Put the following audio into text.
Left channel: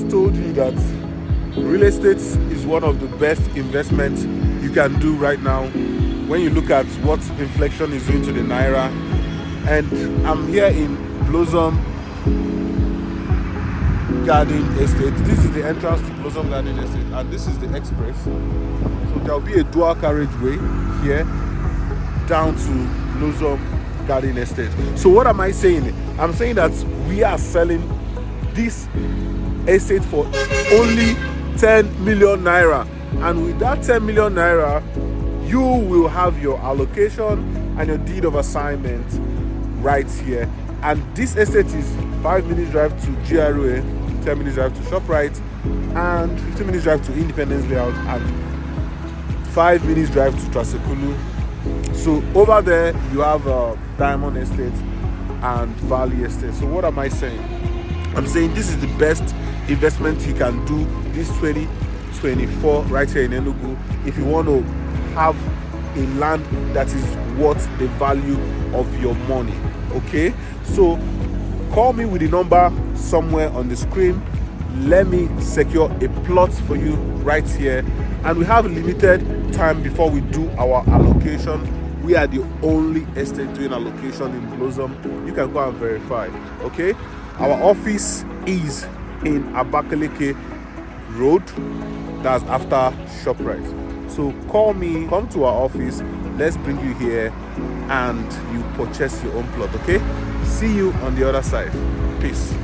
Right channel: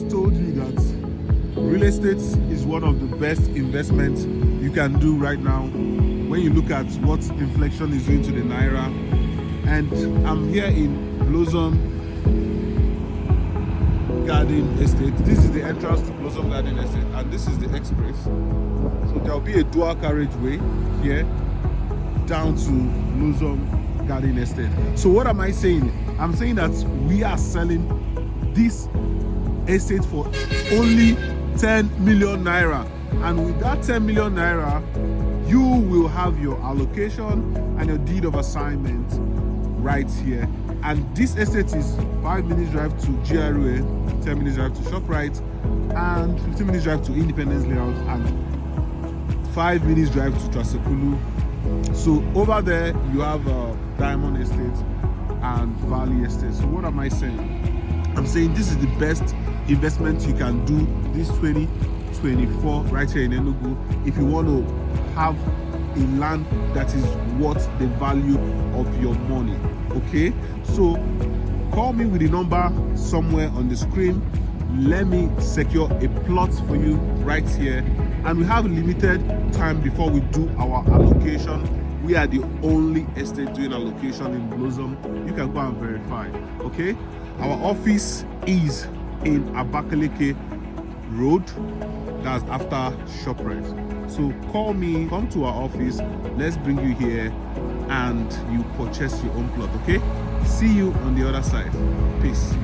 just told you that real estate is one of the best investments you can do right now when you look at what inflation is doing to the naira. And I'm here in Blossom Garden Estate. This is the entrance to Blossom Garden Estate, and this is the express. So there'll be a dual carriageway here down to Blossom Garden Estate. So what am I saying? I'm saying that we are selling this estate for only 10 million naira, and with that 10 million naira you will have your allocation and your deed of assignment right here. And this estate is 5 minutes drive to GRA, 10 minutes drive to ShopRite, and 15 minutes drive to Independence Layout, and 5 minutes drive to Ekulu. So over there you have Diamond Estate and Valley Estate. So what am I saying? I'm saying this is the best investment you can do this 2024 right here in Enugu if you want to have a land that is worth the value of your money. Okay, so call me with the number somewhere on the screen. Let me secure a plot for you right here, and we have limited time before we do our allocation. We are the only estate doing allocation in Blossom. You can go and verify. Okay, our office is in Abakaliki Road, that's after ShopRite. So call me, come to our office, let's bring you here and you purchase your own plot. Okay, see you on the other side. Peace.